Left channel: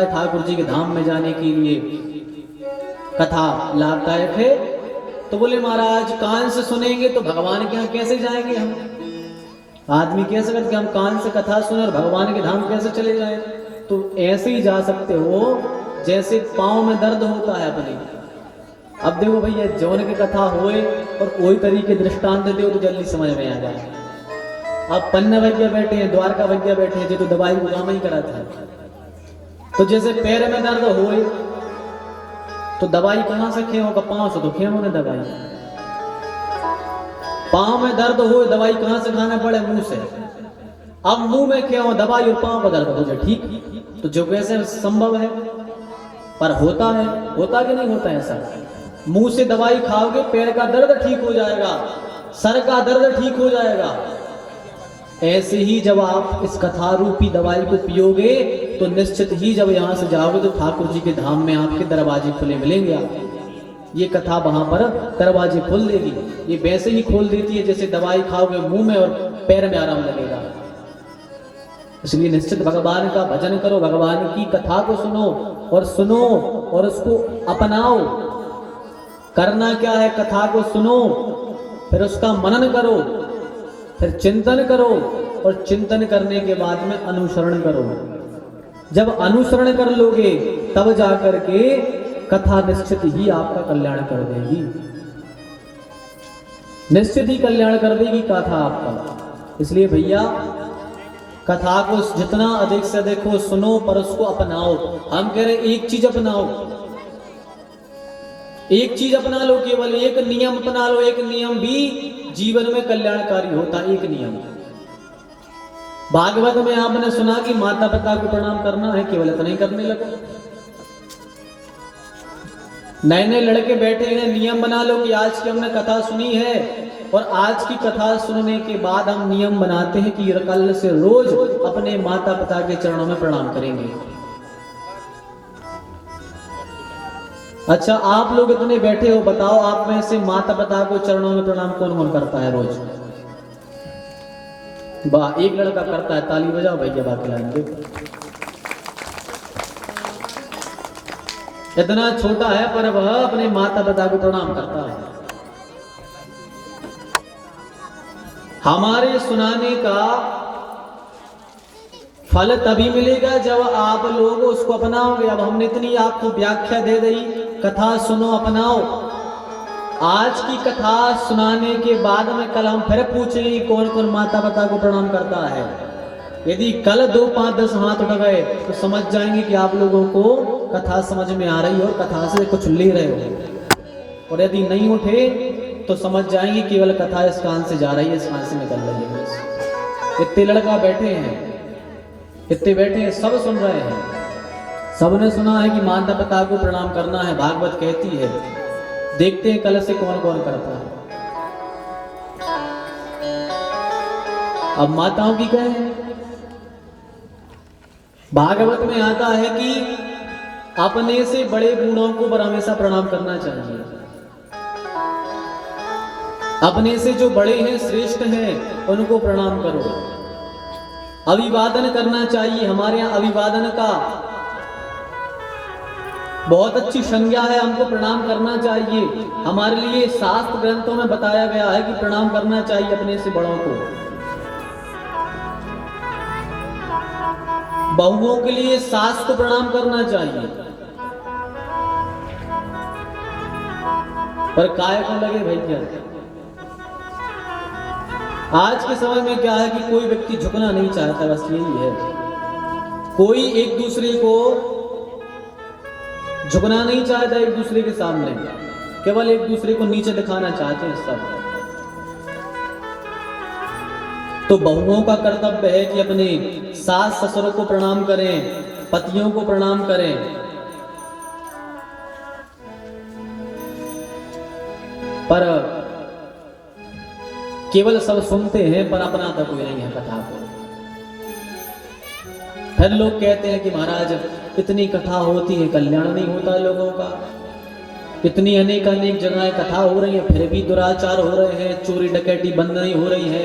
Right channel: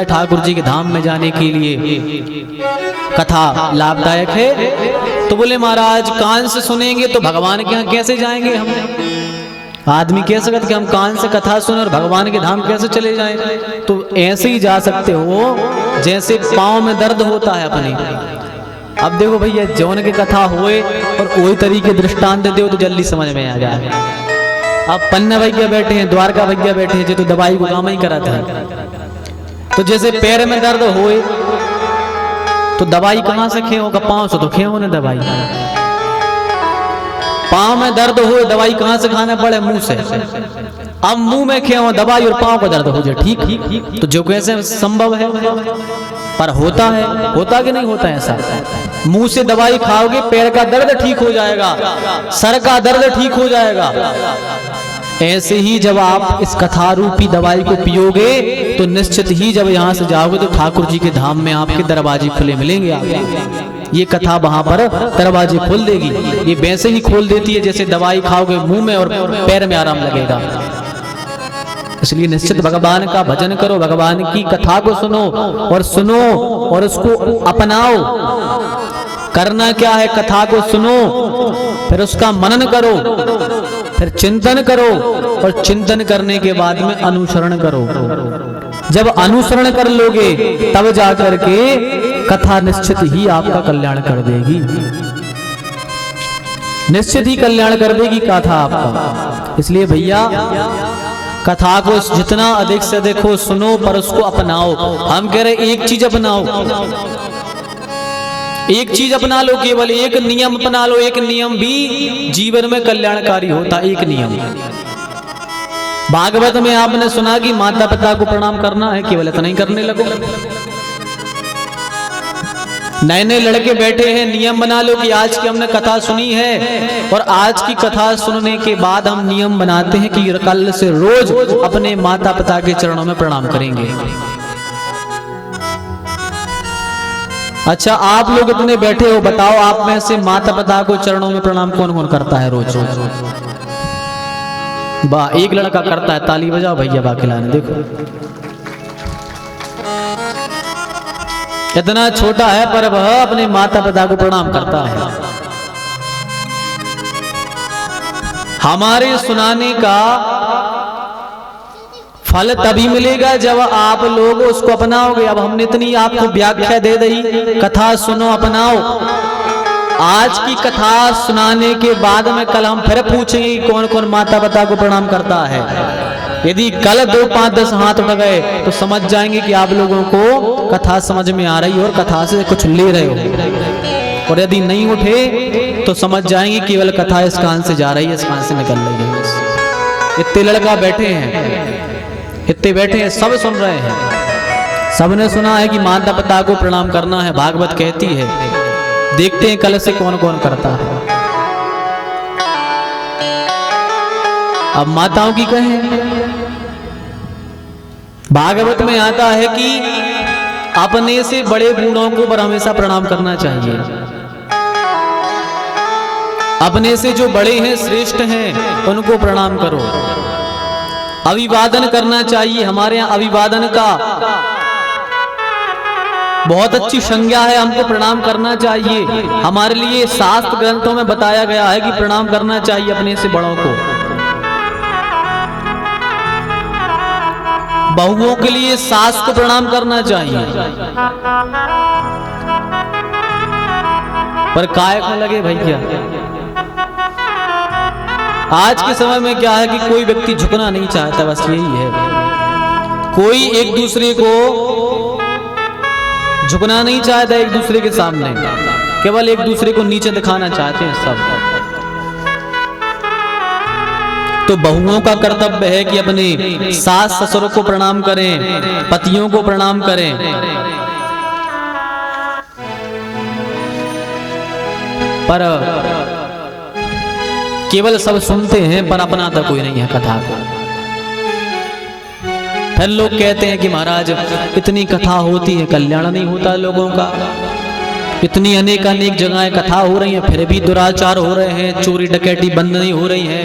है ठाकुर जी के धाम में जाने के लिए कथा लाभदायक है। तो बोले महाराज कान से सुनेंगे तो भगवान के यहाँ कैसे जाएंगे हम? आदमी कह सकता कि हम कान से कथा सुने और भगवान के धाम कैसे चले जाएं? तो ऐसे ही जा सकते हो जैसे पाँव में दर्द होता है अपने। अब देखो भैया जौन की कथा होए और वही तरीके दृष्टांत दे तो जल्दी समझ में आ जाए। अब पन्ना भैया बैठे हैं, द्वारका भैया बैठे हैं, जो तो दवाई को काम ही कराता है। तो जैसे पैर में दर्द होए तो दवाई कहाँ से खे होगा? पाँव से तो खे हो ना दवाई। पाँव में दर्द हो दवाई कहाँ से खाना पड़े? मुंह से। अब मुंह में खे हो दवाई और पाँव का दर्द हो जाए, ठीक? तो जो कैसे संभव है? पर होता है, होता कि नहीं होता है ऐसा? मुंह से दवाई खाओगे पैर का दर्द ठीक हो जाएगा, सर का दर्द ठीक हो जाएगा। ऐसे ही जब आप इस कथा रूपी दवाई को पियोगे तो निश्चित ही जब यहाँ से जाओगे तो ठाकुर जी के धाम में आपके दरवाजे खुले मिलेंगे आपको। ये कथा वहां पर दरवाजे खोल देगी। ये वैसे ही खोल देती है जैसे दवाई खाओगे मुंह में और पैर में आराम लगेगा। इसलिए निश्चित भगवान का भजन करो, भगवान की कथा को सुनो और उसको अपनाओ। करना क्या है? कथा को सुनो, फिर उसका मनन करो, फिर चिंतन करो और चिंतन करने के बाद में अनुसरण करो। जब अनुसरण कर लोगे तब जाकर के कथा निश्चित ही आपका कल्याण कर देगी, निश्चित ही कल्याण कर देगी कथा आपका। इसलिए भैया कथा को जितना अधिक से अधिक हो सुनो पर उसको अपनाओ। हम कह रहे हैं एक चीज अपनाओ, एक चीज अपना लो, केवल एक नियम अपना लो। एक नियम भी जीवन में कल्याणकारी होता, एक नियम। भागवत में आपने सुना कि माता पिता को प्रणाम करना है, केवल इतना ही करने लगो। नए नए लड़के बैठे हैं, नियम बना लो कि आज की हमने कथा सुनी है और आज की कथा सुनने के बाद हम नियम बनाते हैं कि कल से रोज अपने माता पिता के चरणों में प्रणाम करेंगे। अच्छा आप लोग इतने बैठे हो, बताओ आप में से माता पिता को चरणों में प्रणाम कौन कौन करता है रोज? वाह, एक लड़का करता है, ताली बजाओ भैया। बाकी लाने देखो, इतना छोटा है पर वह अपने माता पिता को प्रणाम करता है। हमारे सुनाने का फल तभी मिलेगा जब आप लोग उसको अपनाओगे। अब हमने इतनी आपको व्याख्या दे दी, कथा सुनो अपनाओ। आज की कथा सुनाने के बाद में कल हम फिर पूछेंगे कौन कौन माता पिता को प्रणाम करता है। यदि कल 2, 5, 10 हाथ उठ गए तो समझ जाएंगे कि आप लोगों को कथा समझ में आ रही है और कथा से कुछ ले रहे हो। और यदि नहीं उठे तो समझ जाएंगे केवल कथा इस कान से जा रही है, इस कान से निकल रही है। इतने लड़का बैठे हैं, इतने बैठे हैं, सब सुन रहे हैं, सबने सुना है कि माता पिता को प्रणाम करना है, भागवत कहती है। देखते हैं कल से कौन कौन करता है। अब माताओं की कहें, भागवत में आता है कि अपने से बड़े बूढ़ों को पर हमेशा प्रणाम करना चाहिए। अपने से जो बड़े हैं, श्रेष्ठ हैं, उनको प्रणाम करो। अभिवादन करना चाहिए। हमारे यहाँ अभिवादन का बहुत अच्छी संज्ञा है, हमको प्रणाम करना चाहिए। हमारे लिए शास्त्र ग्रंथों में बताया गया है कि प्रणाम करना चाहिए अपने से बड़ों को। बहुओं के लिए सास को प्रणाम करना चाहिए, पर काय को लगे भैया। आज के समय में क्या है कि कोई व्यक्ति झुकना नहीं चाहता, बस यही है। कोई एक दूसरे को झुकना नहीं चाहता एक दूसरे के सामने, केवल एक दूसरे को नीचे दिखाना चाहते हैं सब। तो बहुओं का कर्तव्य है कि अपने सास ससुर को प्रणाम करें, पतियों को प्रणाम करें। पर केवल सब सुनते हैं पर अपनाता कोई नहीं है कथा को। फिर लोग कहते हैं कि महाराज इतनी कथा होती है, कल्याण नहीं होता लोगों का। इतनी अनेक अनेक जगह कथा हो रही है, फिर भी दुराचार हो रहे हैं, चोरी डकैती बंद नहीं हो रही है।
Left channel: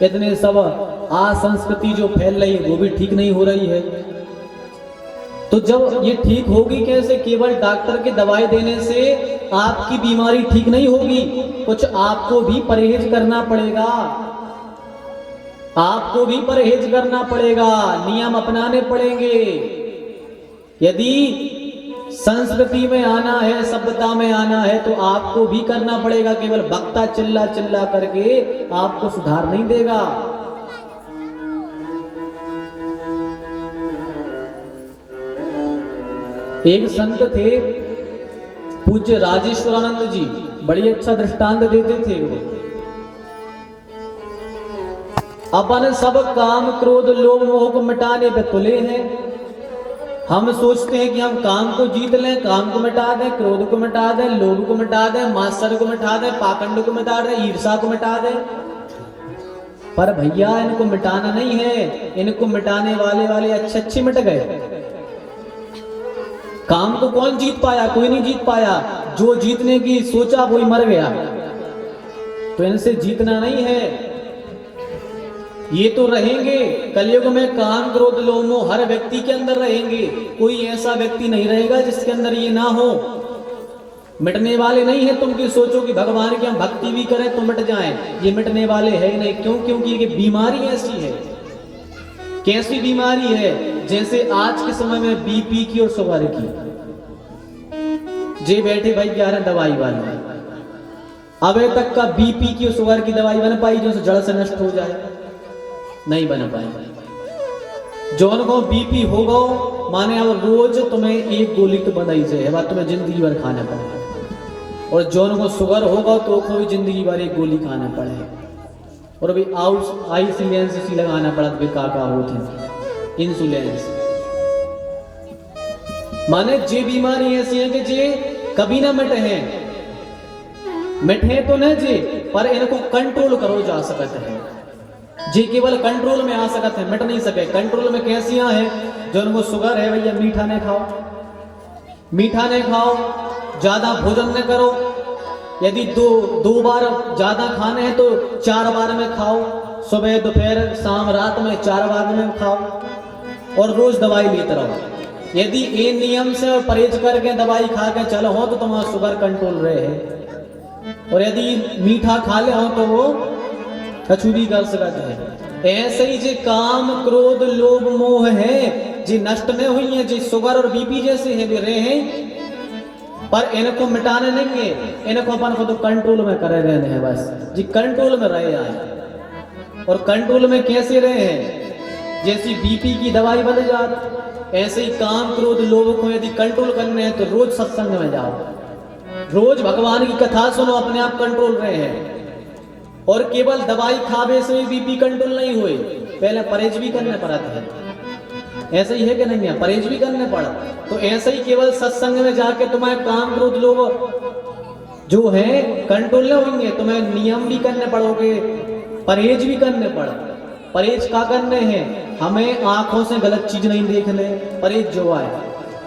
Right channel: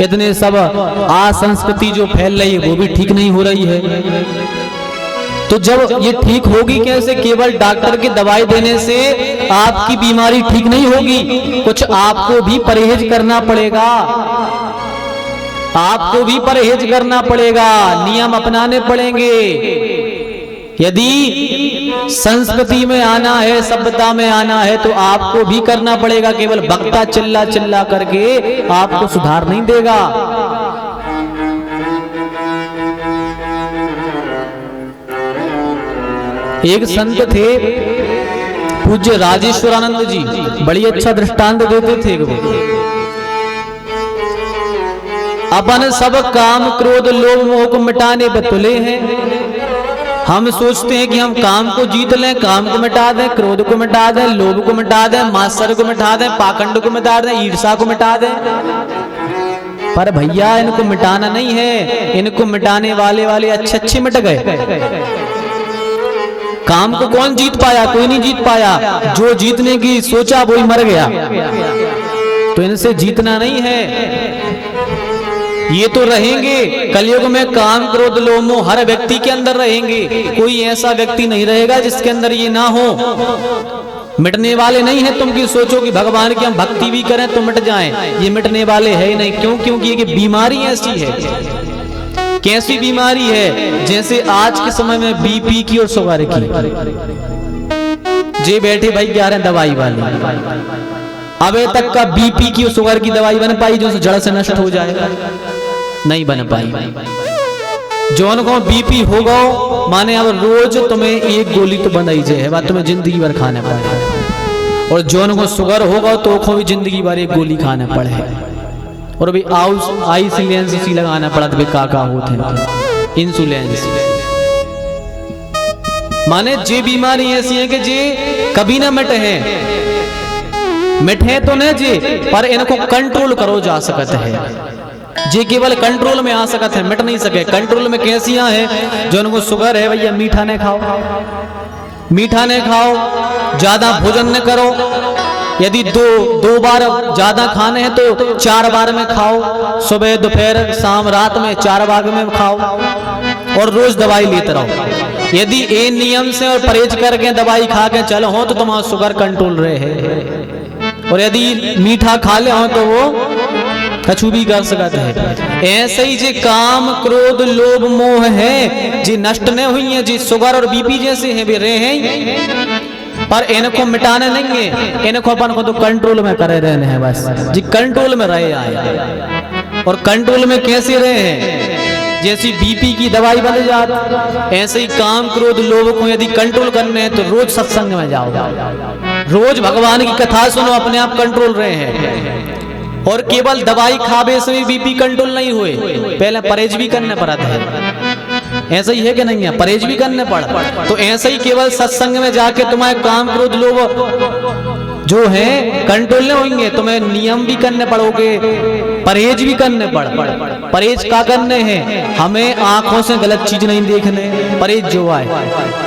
इतने सब संस्कृति जो फैल रही है वो भी ठीक नहीं हो रही है। तो जब ये ठीक होगी कैसे? केवल डॉक्टर की दवाई देने से आपकी बीमारी ठीक नहीं होगी, कुछ आपको भी परहेज करना पड़ेगा, आपको भी परहेज करना पड़ेगा, नियम अपनाने पड़ेंगे। यदि संस्कृति में आना है, सभ्यता में आना है, तो आपको भी करना पड़ेगा। केवल वक्ता चिल्ला चिल्ला करके आपको सुधार नहीं देगा। एक संत थे पूज्य राजेश्वरानंद जी, बड़ी अच्छा दृष्टांत देते थे वो। अपन सब काम क्रोध लोभ मोह को मिटाने बतुले हैं। हम सोचते हैं कि हम काम को जीत लें, काम को मिटा दें, क्रोध को मिटा दें, लोभ को मिटा दें, मात्सर्य को मिटा दें, पाखंड को मिटा दें, ईर्ष्या को मिटा दें। पर भैया इनको मिटाना नहीं है, इनको मिटाने वाले अच्छे अच्छे मिट गए। काम को कौन जीत पाया? कोई नहीं जीत पाया। जो जीतने की सोचा वही मर गया। तो इनसे जीतना नहीं है। ये तो रहेंगे कलयुग में, काम क्रोध लोभ मोह हर व्यक्ति के अंदर रहेंगे। कोई ऐसा व्यक्ति नहीं रहेगा जिसके अंदर ये ना हो। मिटने वाले नहीं है। तुम की सोचो कि भगवान की हम भक्ति भी करें तो मिट जाएं, ये मिटने वाले है ही नहीं। क्यों? क्योंकि ये बीमारी ऐसी है। कैसी बीमारी है? जैसे आज के समय में बीपी की और शुगर की। जे बैठे भाई क्या रहे दवाई वाले, अबे तक का बीपी की और शुगर की दवाई बन पाई जो जड़ से नष्ट हो जाएगा? नहीं बन पाई। जौन को बीपी होगा माने अब रोज तुम्हें एक गोली तो बंद ही जाए, बात तुम्हें जिंदगी भर खाने पड़े। और जौन को शुगर होगा तो भी जिंदगी भर एक गोली खाने पड़े। और अभी आइसुलेंस सी लगाना पड़ा तो काका होते हैं इंसुलेंस। माने जे बीमारी ऐसी है कि जे कभी ना मिटे हैं, मिटे तो न जे, पर इनको कंट्रोल करो जा सकते हैं। जे केवल कंट्रोल में आ सकते हैं, मिट नहीं सके। कंट्रोल में कैसियां हैं? जो उनको शुगर है भैया मीठा नहीं खाओ, मीठा नहीं खाओ, ज्यादा भोजन न करो। यदि दो बार ज्यादा खाने हैं तो 4 बार में खाओ, सुबह दोपहर शाम रात में 4 बार में खाओ। और रोज दवाई लेते रहो। यदि ये नियम से और परहेज करके दवाई खा के चलो हो तो तुम्हारा शुगर कंट्रोल रहे। और यदि मीठा खा ले हो तो वो कछु भी कर सकते हैं। ऐसे ही जी काम क्रोध लोभ मोह है जी नष्ट नहीं हुई है, जी शुगर और बीपी जैसे है भी रहे हैं, पर इनको मिटाने नहीं है। इनको अपन को तो कंट्रोल में करे रहने हैं बस जी, कंट्रोल में रहे आए। और कंट्रोल में कैसे रहे हैं? जैसी बीपी की दवाई बन जाती, ऐसे ही काम क्रोध लोभ को यदि कंट्रोल करने हैं तो रोज सत्संग में जाओ, रोज भगवान की कथा सुनो, अपने आप कंट्रोल रहे हैं। और केवल दवाई खावे से बीपी कंट्रोल नहीं हुए, पहले परहेज भी करने पड़ा था। ऐसा ही है कि नहीं है? परहेज भी करने पड़ा। तो ऐसा ही केवल सत्संग में जाके तुम्हारे काम क्रोध लोभ जो है कंट्रोल होंगे, तुम्हें नियम भी करने पड़ोगे, परहेज भी करने पड़। परहेज क्या करने हैं? हमें आंखों से गलत चीज नहीं देखने, परहेज जो है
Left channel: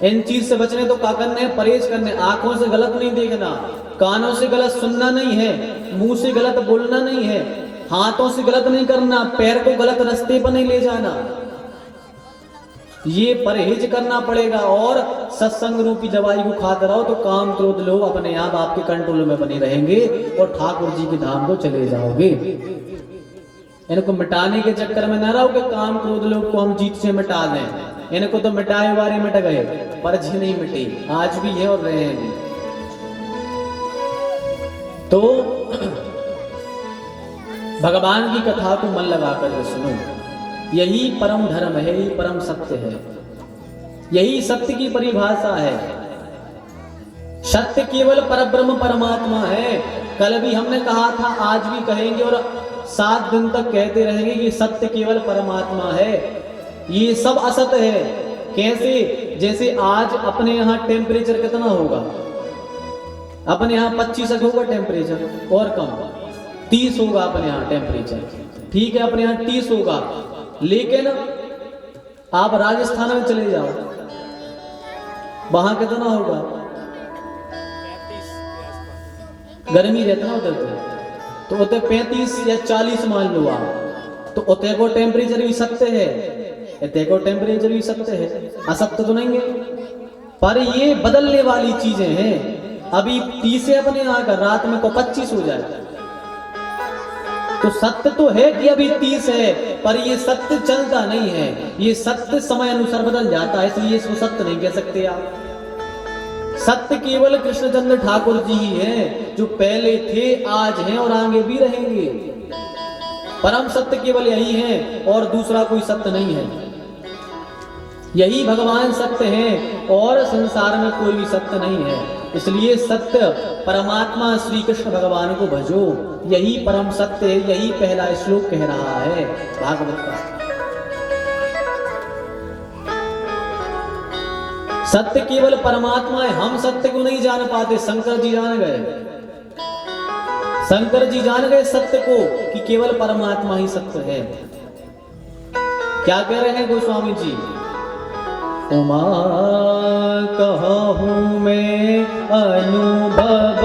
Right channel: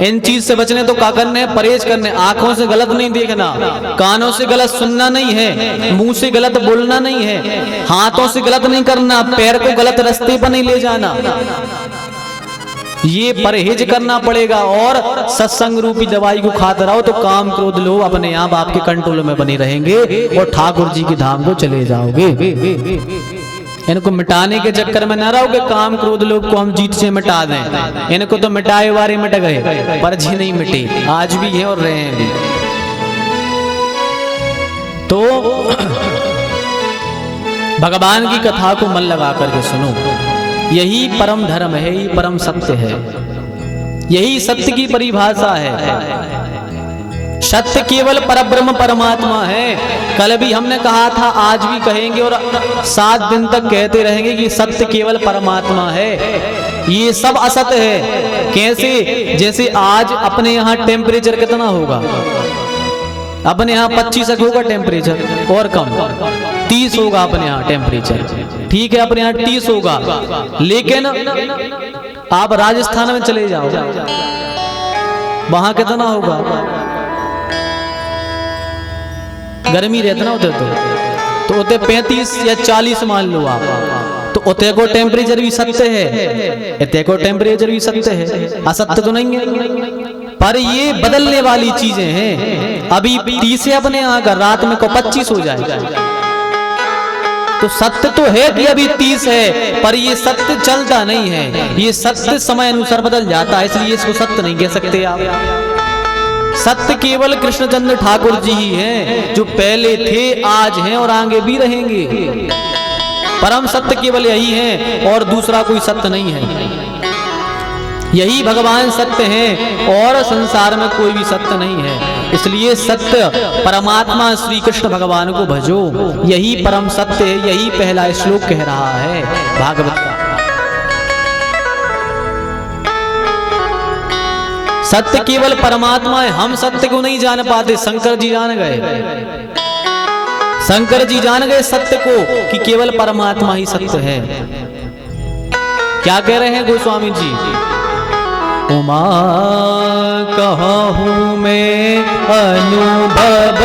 इन चीज से बचने तो क्या करने? परहेज करने। आंखों से गलत नहीं देखना, कानों से गलत सुनना नहीं है, मुंह से गलत बोलना नहीं है, हाथों से गलत नहीं करना, पैर को गलत रास्ते पर नहीं ले जाना। ये परहेज करना पड़ेगा। और सत्संग रूपी दवाई को खाते रहो तो काम क्रोध लोभ अपने आप आपके कंट्रोल में बने रहेंगे और ठाकुर जी की धाम को चले जाओगे। इनको मिटाने के चक्कर में न रहो कि काम क्रोध लोभ को हम जीत से मिटा दें। इनको तो मिटाए वारे मिट गए, पर जी नहीं मिटे, आज भी है और रहे हैं। तो भगवान की कथा को मन लगा करके सुनो, यही परम धर्म है, यही परम सत्य है, यही सत्य की परिभाषा है। सत्य केवल परब्रह्म परमात्मा है। कल भी हमने कहा था, आज भी कहेंगे और 7 दिन तक कहते रहेंगे कि सत्य केवल परमात्मा है, ये सब असत्य है। कैसे? जैसे आज अपने यहाँ टेम्परेचर कितना होगा? अपने यहाँ 25 होगा टेम्परेचर, और कम 30 होगा अपने यहाँ टेम्परेचर। ठीक है, अपने यहाँ 30 होगा, लेकिन आप राजस्थान में चले जाओ, वहां कितना होगा? गर्मी रहता ना उधर, तो उधर 35 या 40 मान लो आप, तो उतेको टेम्परेचर भी सत्य है, इतेको टेम्परेचर भी सत्य है, असत्य तो नहीं है। पर ये बदलने वाली चीजें हैं। अभी 30 है अपने यहाँ का, रात में को 25 हो जाए, तो सत्य तो है कि अभी 30 है, पर ये सत्य चलता नहीं है। ये सत्य समय अनुसार बदल जाता है, इसलिए इसको सत्य नहीं कह सकते आप। सत्य केवल कृष्णचंद्र ठाकुर जी ही हैं, जो पहले थे, आज हैं और आगे भी रहेंगे। परम सत्य केवल यही है और दूसरा कोई सत्य नहीं है। यही भगवान सत्य हैं और संसार में कोई भी सत्य नहीं है। इसलिए सत्य परमात्मा श्री कृष्ण भगवान को भजो, यही परम सत्य है। यही पहला श्लोक कह रहा है भागवत का। सत्य केवल परमात्मा है, हम सत्य को नहीं जान पाते, शंकर जी जान गए। शंकर जी जान गए सत्य को कि केवल परमात्मा ही सत्य है। क्या कह रहे हैं गोस्वामी जी? उमा कहूँ मैं अनुभव